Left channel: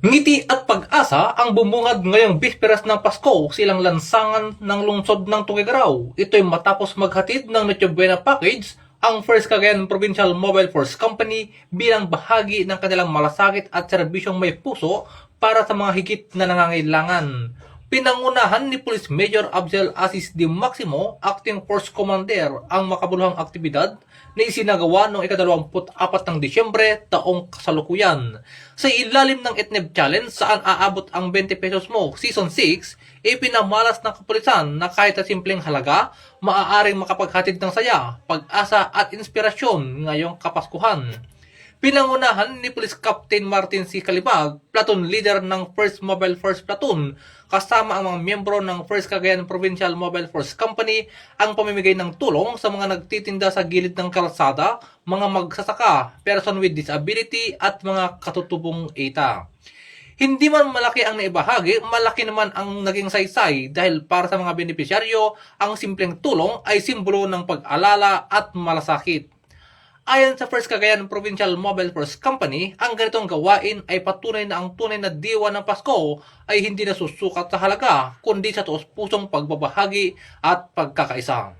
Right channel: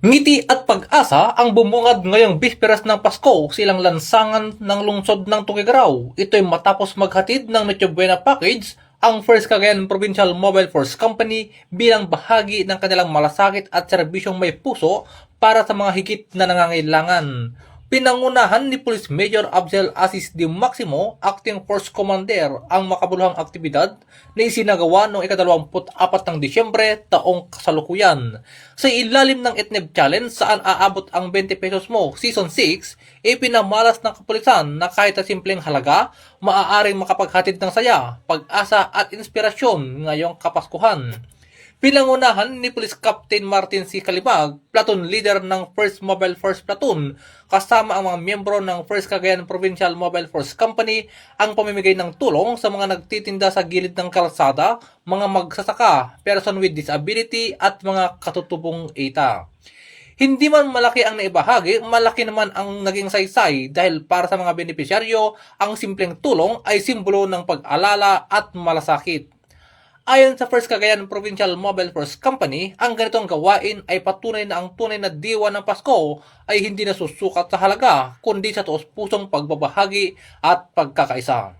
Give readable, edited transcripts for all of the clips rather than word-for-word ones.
Ngiti at pag-asa ang bumungad ngayong bisperas ng Pasko silang lansangan ng lungsod ng Tuguegarao. Ito'y matapos maghatid ng Noche Buena Package ang First Cagayan Provincial Mobile Force Company bilang bahagi ng kanilang malasakit at serbisyong may puso para sa mga higit na nangangailangan. Pinangunahan ni Police Major Absel Asis Di Maximo, Acting Force Commander, ang makabuluhang aktibidad na isinagawa noong ika-24 ng Disyembre taong kasalukuyan. Sa ilalim ng Etneb Challenge saan aabot ang 20 pesos mo, Season 6, ipinamalas ng kapulisan na kahit sa simpleng halaga, maaaring makapaghatid ng saya, pag-asa at inspirasyon ngayong Kapaskuhan. Pinangunahan ni Police Captain Martin C. Calibag, platoon leader ng 1st Mobile Force Platoon, kasama ang mga miyembro ng 1st Cagayan Provincial Mobile Force Company ang pamimigay ng tulong sa mga nagtitinda sa gilid ng kalsada, mga magsasaka, person with disability at mga katutubong ETA. Hindi man malaki ang naibahagi, malaki naman ang naging saysay dahil para sa mga benepisyaryo, ang simpleng tulong ay simbolo ng pag-alala at malasakit. Ayon sa First Cagayan Provincial Mobile Force Company, ang ganitong gawain ay patunay na ang tunay na diwa ng Pasko ay hindi nasusukat sa halaga, kundi sa taos-pusong pagbabahagi at pagkakaisa.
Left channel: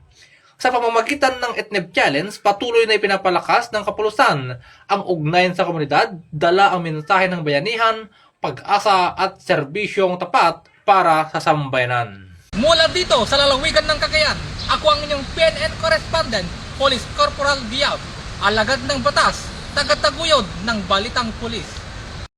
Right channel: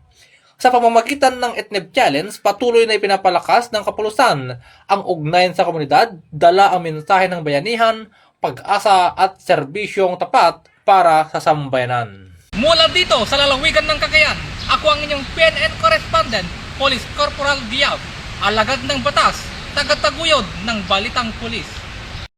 Sa pamamagitan ng Etneb Challenge, patuloy na ipinapalakas ng kapulisan ang ugnayan sa komunidad, dala ang mensahe ng bayanihan, pag-asa at serbisyong tapat para sa sambayanan. Mula dito sa lalawigan ng Cagayan, ako ang inyong PNN correspondent, Police Corporal Diab, alagad ng batas, tagataguyod ng Balitang Pulis.